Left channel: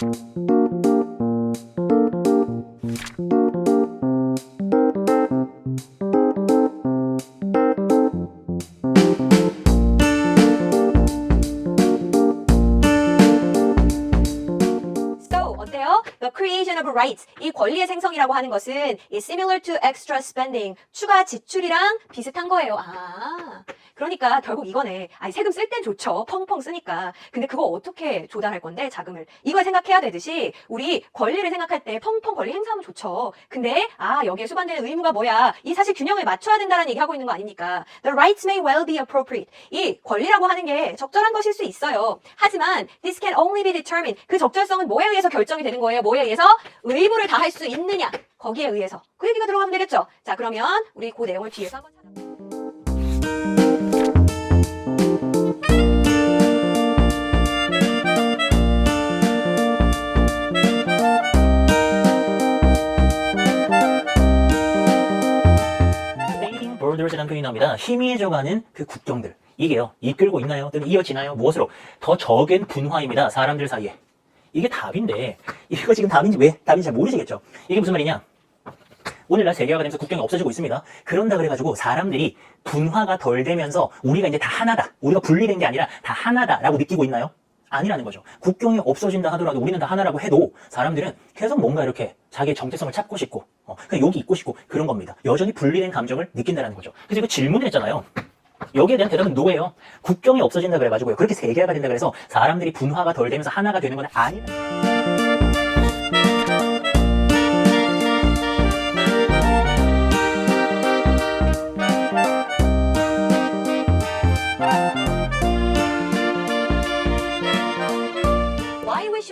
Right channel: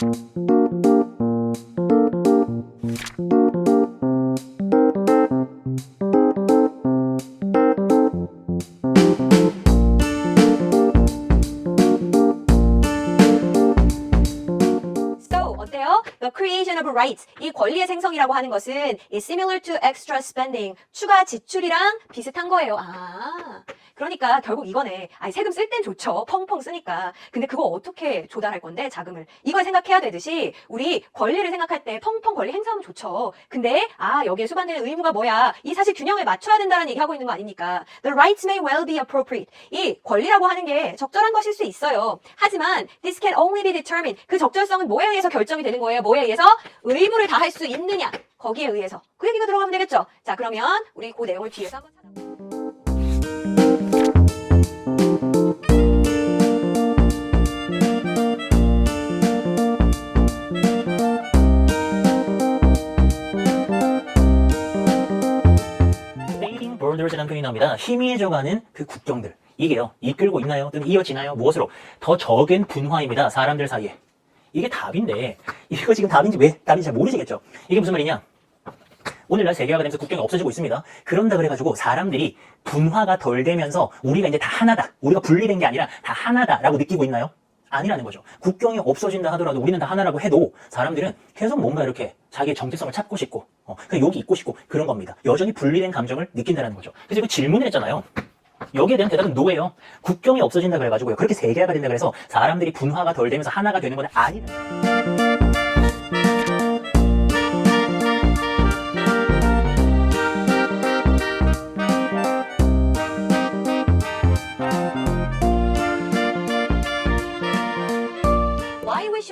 Thank you. Creation of rights. 이 권리의 생성이라고 하는 것은 is similar to extra spending. 추가 지출이랑 비슷한 거예요. 아. 그러니까 결국 이거네. 아니, 세금 쓸 땐 좋죠. 펑펑 쓰니까. 근데 그거 어떻게 조달할 건데, 자금을. 이걸 생각해야 되듯이, 우리 권리를 생각할 때 펑펑 권리 행사하면 좋죠. 근데, 아, 여기에 수반되는 의무가 뭐야? 이 사실 균형을 맞춰야 된다는 얘기 하고 있는 거 아닙니까? The rights may well be appropriate. 이 권리라고 하는 게 적절한 것일 수 있어요. 하지만, this can only be determined. 그 적절성은 뭐에 의해서 결정이 되는 거예요? 뭐에 의해서? 의무를 다할 수 있느냐? 거기에 의해서. 그 얘기가 들어가면 되겠죠? 자, 그러면 우리 그 내용을 뒤에서 한번 찾아볼게요. Borders라는 표현이 나옵니다. 희미해져가는 그 국경들. 이게요. 이끌고 있나요? 또는 이어지나요? 무엇으로? 더 적은 분화입니다. 사람들 사이에. 이게 답인데 이거 지금 답인지 왜 답인지 잘 모르시겠죠? 이게 무슨 말이냐? 오늘날 세계화가 되면서 국경이 없어지고 있습니다. 그런다 그래가지고 사람들이 분화가 덜 되면서 우리가 이제 다 하나다. 우리가 분리된 게 아니라 다 하나다라고 느끼고 있나요? 아니라는 거죠. 국경이 없어진다 하더라도 우리는 다 하나라고 해도 사람들은 계속 뭔가 이렇게 자기의 정체성을 찾고 싶고, 어, 그냥 여기 있고 싶고 그런 겁니다. 여전히 분리된 감정을 느낀다는 거죠. 그래서 그 질문을 했잖아요. 여기에 대한 대답은 노예요. 국경이 없어진다 그래가지고요. 그렇게 세계화가 된다 그래서 사람들이 분화가 덜 되면서 하나가 되는 건 아니다.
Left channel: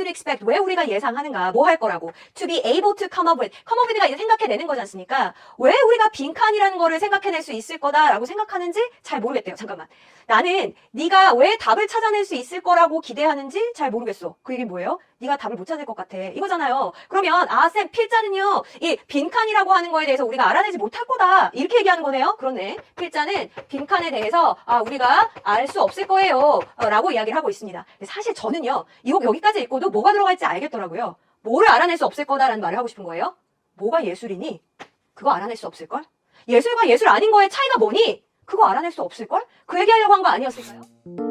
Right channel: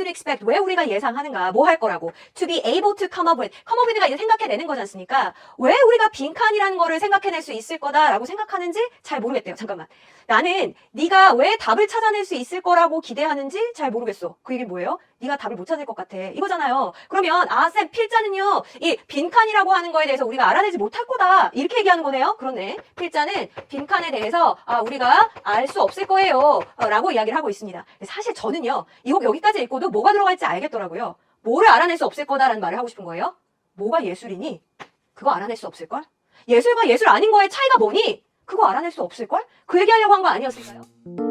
Should expect 왜 우리가 예상하는가 뭐 할 거라고 to be able to come up with come up with가 이제 생각해내는 거지 않습니까? 왜 우리가 빈칸이라는 거를 생각해낼 수 있을 거다라고 생각하는지 잘 모르겠대요. 잠깐만 나는 네가 왜 답을 찾아낼 수 있을 거라고 기대하는지 잘 모르겠어. 그 얘기 뭐예요? 네가 답을 못 찾을 것 같아. 이거잖아요. 그러면 아 쌤 필자는요 이 빈칸이라고 하는 거에 대해서 우리가 알아내지 못할 거다 이렇게 얘기하는 거네요. 그렇네. 필자는 빈칸에 대해서 아 우리가 알 수 없을 거예요 어, 이야기를 하고 있습니다. 사실 저는요 이거 여기까지 읽고도 뭐가 들어갈지 알겠더라고요. 뭐를 알아낼 수 없을 거다라는 말을 하고 싶은 거예요. 뭐가 예술이니? 그거 알아낼 수 없을걸? 예술과 예술 아닌 거의 차이가 뭐니? 그거 알아낼 수 없을걸? 그 얘기하려고 한 거 아니었을까요?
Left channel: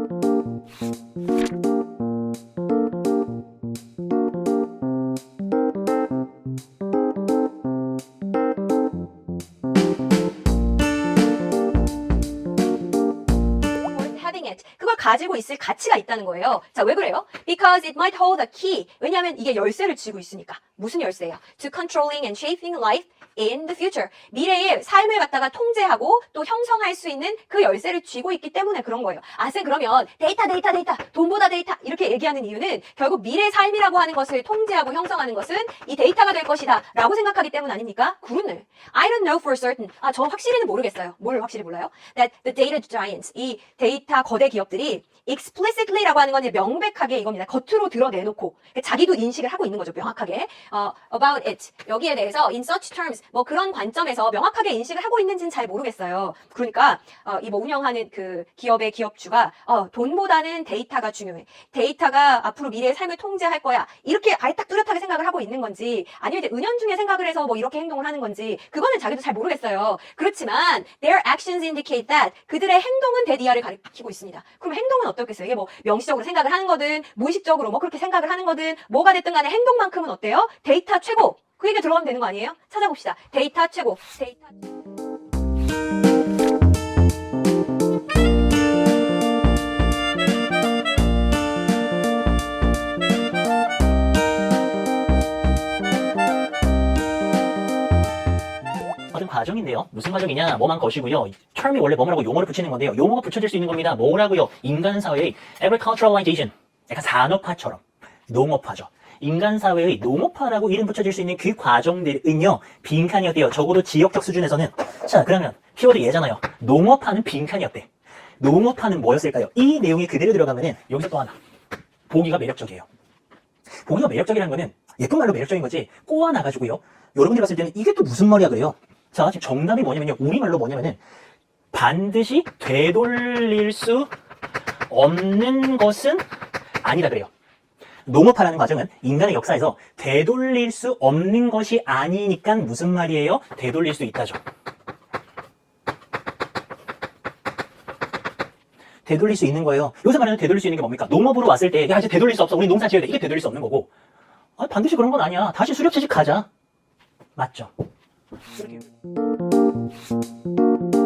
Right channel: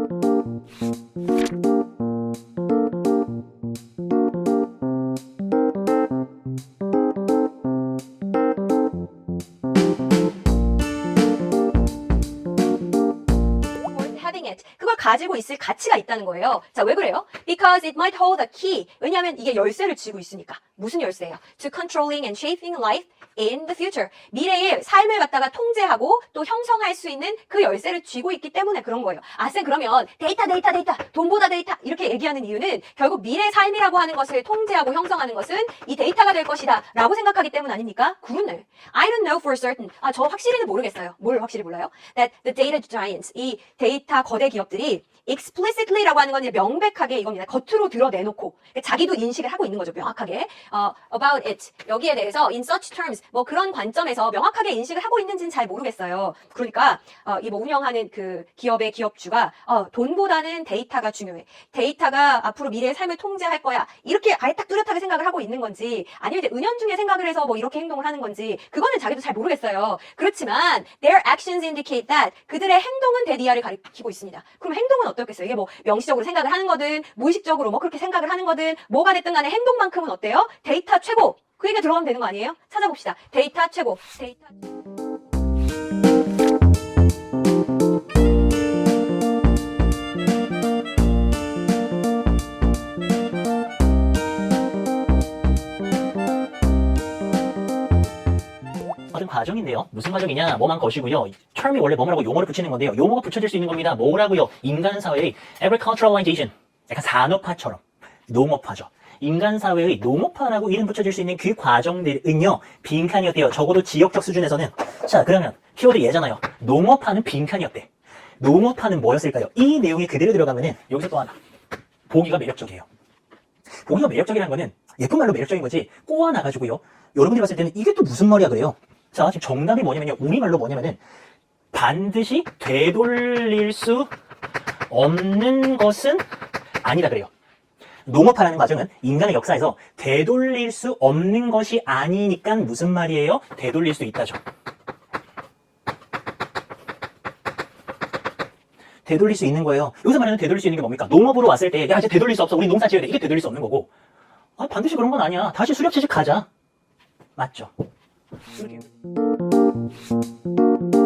Having it. 그걸 가지고 있을 가치가 있다는 거예요. 자, 왜 그래요? Because it might hold a key. 왜냐하면 이게 열쇠를 쥐고 있으니까. 무슨 열쇠야? To controlling and shaping life in the future. 미래의 삶을 갖다가 통제하고 또 형성할 수 있는 그 열쇠를 쥐고 있기 때문에 그런 거예요. 아, 쌤, 그러면 데이터, 데이터, 데이터, 돈보다 데이터 이렇게 얘기하는 이유는 결국 미래 삶이라고 하는 것을 통제하고 형성하는 것은 이 데이터가 될 것이다 라고 생각하기 때문 아닙니까? 그렇네. I don't know for certain. 아, 저 확실히는 모르겠어요. 뭘 확실히 몰라요? That the data giants, 이 데이터 거대 기업들이 explicitly라고 하는 건 명백하게 이겁니다. 겉으로 드러내놓고 자기도 인식을 하고 있는 거죠. 명확하게 어, about it 여기에 대해서 in such terms 뭐 그런 관점에서 명확하게 인식을 하고 있는지는 잘 모르겠어요. 그러니까 어, 이뭐 운영하는 그 기업의 기업주가 어, 돈보다는 데이터가 중요해. 데이터가 앞으로 미래의 삶을 통제할 거야. 이렇게 아예 딱 뚜렷하게 생각을 하고 있는 건지 아니면 은연중에 생각을 해서 뭐 이렇게 행동을 하는 건지 그거는 자기도 잘 모르겠어요. 그렇지만 their actions indicate that 그들의 행동은 데디아를 가리키고 있 습니다. 그럼 행동은 어떻겠어요? 이게 뭐 명시적으로 생각을 하는 거든 무의식적으로 뭐 그렇게 생각을 하는 거든 뭐가 됐든 간에 행동만큼은 어때요? 데이터 최고. 그 얘기가 들어가면 되는 거 아니에요? 찾아봅시다. 데이터 최고. 데이터 과정인데요. 무슨 과정이냐? 뭐만 것이고요. term이 원래 뭐라고 용어를 붙이는 건데요. 용어가 붙여질 수 있는 겁니다. 뭐라고요? 인간 사회의 agriculturalization. 약간 산업화처럼. 농업화죠. 인간 사회의 농업화라고 이름 붙여질 수 있는 그 과정들은요. 빈칸이었대요. 적어도 지역적 수준에서는. 자, 그러면 키워드 얘잖아요. 농업화는 빈칸이었대. 농업화는 뭐였을까요? 이 내용이 그대로 들어가면은 여기서 또 하나. 보기가 매력적이에요. 보기가 매력적이라는 거는 예쁜 말로 매력적인 거지 꼬아 나가지고요. 여러분들이 봤을 때는 이게 또 무슨 말이야 그래요. 자 지금 정답이 뭐냐면요. 우리말로 뭐냐면은 반드시 되돌릴 수 없는 것은 아니다 그래요. 농업하라는 과정은 인간의 역사에서 되돌릴 수 없는 것이 아니니까 무슨 말이에요? 되돌릴 수 있다죠. 되돌릴 수 있는 거예요. 여기서 말하는 되돌릴 수 있는 게 뭡니까? 농업으로 왔을 때, 야, 이제 되돌릴 수 없어. 우리 농사 지어야 돼. 이게 되돌릴 수 없는 거고. 아, 반드시 그런 건 아니야. 다시 수렵 채식 가자. 맞죠? Thank you.